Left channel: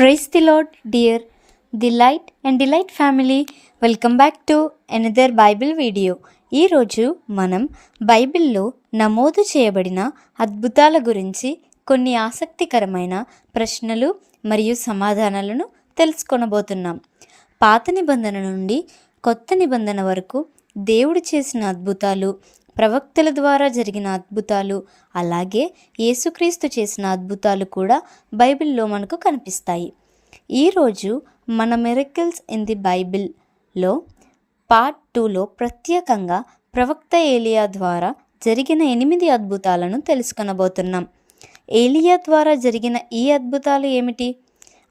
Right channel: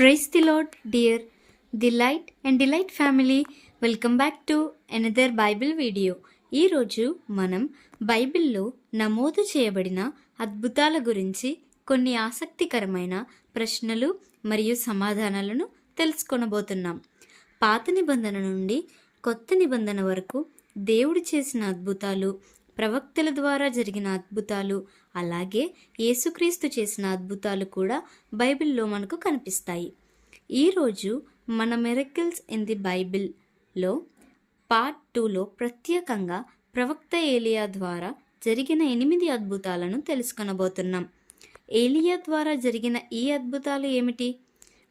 Praise the Lord, dear Delight and Delight family. Welcome back to another Bible video. ఈరోజు మనం బైబిల్లో నమోదు చేయబడిన అద్భుతాల గురించి కొన్ని ఆసక్తికరమైన ప్రశ్నలు మరియు సమాధానాలను తెలుసుకొనబోతున్నాం. పాత నిబంధన నుండి కొత్త నిబంధన వరకు దేవుడు చేసిన అద్భుతాలు, ప్రవక్తల ద్వారా జరిగిన అద్భుతాలు, అలాగే యేసుక్రీస్తు చేసిన అద్భుతాలు కూడా బైబిల్లో మనకు కనిపిస్తాయి. ఈరోజు మన మిరకిల్స్ ఇన్ ది బైబిల్లో పార్ట్ 2లో ప్రత్యేకంగా ప్రవక్త ఏలియా ద్వారా జరిగిన 8 అద్భుతాలను తెలుసుకొనబోతున్నాం. ఏలియా ద్వారా జరిగిన ఈ అద్భుతాలు ఏమిటి,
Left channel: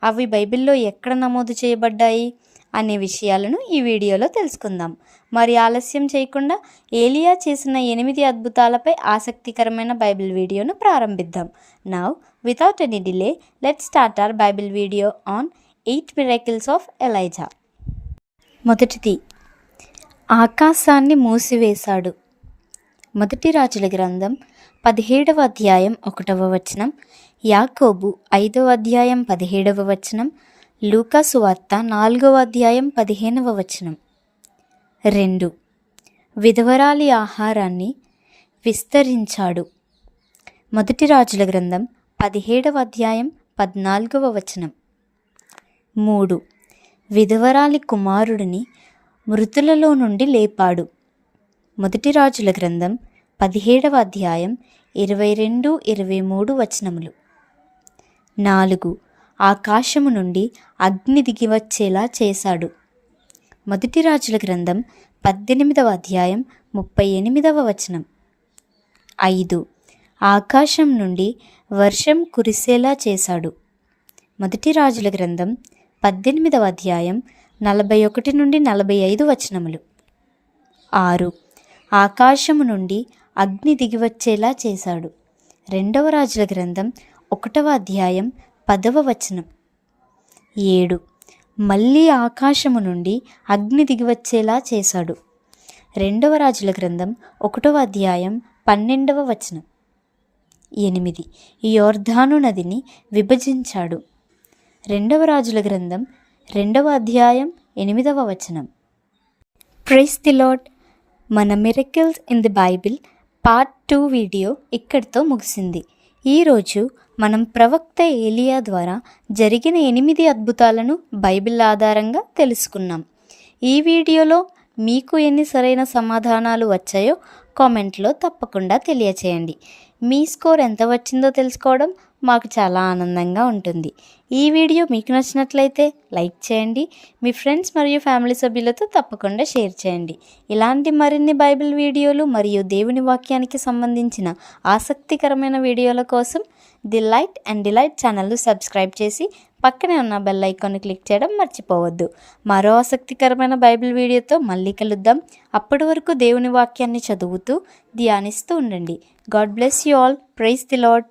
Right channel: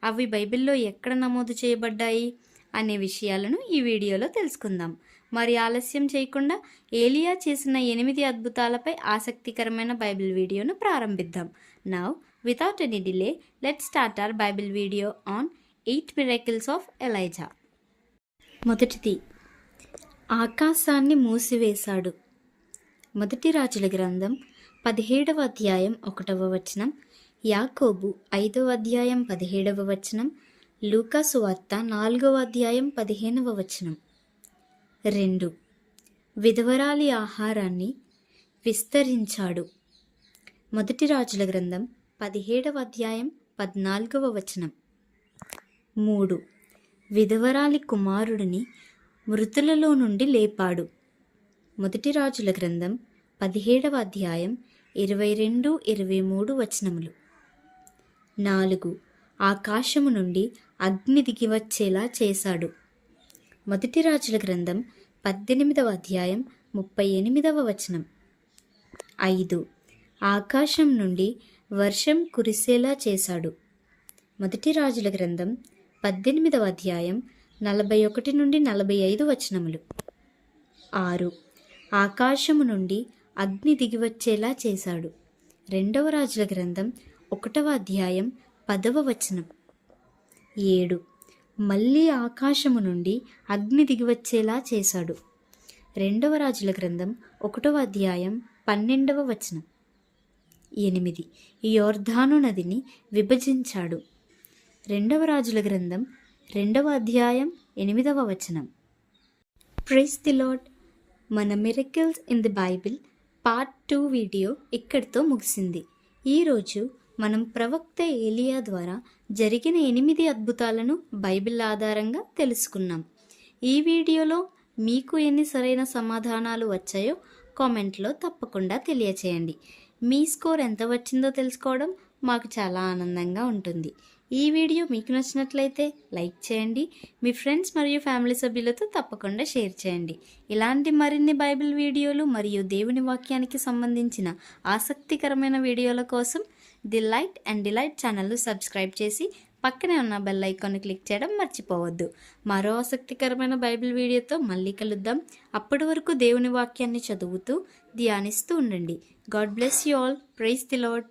అవి బైబిల్లో ఎక్కడ నమోదు చేయబడ్డాయి అనే విషయాలను ఈ వీడియోలో తెలుసుకుందాం. మరి ఆలస్యం చేయకుండా ఏలియా చేసిన 8 అద్భుతాలపై ఆసక్తికరమైన బైబిల్ వీడియోను ప్రారంభిద్దాం. Now without any delay let's start our Bible video on 8 miracles of Elijah. మొదటిది, ఆకాశాన్ని మూసివేశాడు. మొదటి రాజుల గ్రంథం 17వ అధ్యాయం 1వ వచనం, యాకోబు 5వ అధ్యాయం 17వ వచనం, లూకా సువార్త 4వ అధ్యాయం 15వ వచనం. 2, విధవరాలి ఆహారాన్ని విస్తరించాడు. మొదటి రాజుల గ్రంథం 17వ అధ్యాయం 14వ వచనం. 3, విధవరాలి కుమారుడిని మృతులలో నుండి లేపాడు. మొదటి రాజుల గ్రంథం 17వ అధ్యాయం 22-23 వచనములు. 4, ఆకాశము నుండి అగ్ని దిగివచ్చేలా చేశాడు. మొదటి రాజుల గ్రంథం 18వ అధ్యాయం 38వ వచనం. 5, ఆకాశం నుండి వర్షం కురిసేలా చేశాడు. మొదటి రాజుల గ్రంథం 18వ అధ్యాయం 41-45 వచనములు. 6, ఆకాశము నుండి అగ్ని దిగివచ్చేలా చేశాడు. రెండవ రాజుల గ్రంథం 1వ అధ్యాయం 10వ వచనం. 7, మళ్ళీ ఆకాశము నుండి అగ్ని దిగివచ్చేలా చేశాడు. రెండవ రాజుల గ్రంథం 1వ అధ్యాయం 12వ వచనం. 8, యోర్దాను నదిని విభజించాడు. రెండవ రాజుల గ్రంథం 2వ అధ్యాయం 8వ వచనం. Praise the Lord. మన miracles in the Bible part 2 video ఇక్కడితో ముగిసింది. ఈరోజు మనం ప్రవక్త ఏలియా ద్వారా జరిగిన 8 అద్భుతాలను బైబిల్ ఆధారంగా తెలుసుకున్నాం. ఈ వీడియోలో మీకు ఎన్ని సరైన సమాధానాలు వచ్చాయో కామెంట్లో తప్పకుండా తెలియచేయండి. మీ స్కోర్ ఎంత వచ్చిందో తెలుసుకోవడం మాకు చాలా ఆనందంగా ఉంటుంది. ఈ వీడియో మీకు నచ్చినట్లయితే లైక్ చేయండి, మీ ఫ్రెండ్స్ మరియు ఫ్యామిలీ సభ్యులతో తప్పకుండా షేర్ చేయండి. ఇలాంటి మరిన్ని బైబిల్ వీడియోలు మరియు దేవుని వాక్యానికి సంబంధించిన ఆసక్తికరమైన వీడియోల కోసం ది లైట్ అండ్ డిలైట్ ఛానల్ను సబ్స్క్రైబ్ చేసి పక్కనే ఉన్న బెల్ ఐకాన్ని క్లిక్ చేయడం మర్చిపోవద్దు. మరో ఆసక్తికరమైన బైబిల్ వీడియోతో మళ్ళీ కలుద్దాం. అప్పటి వరకు దేవుని వాక్యాన్ని చదువుతూ ధ్యానిస్తూ ఉండండి. God bless you all. Praise the lord.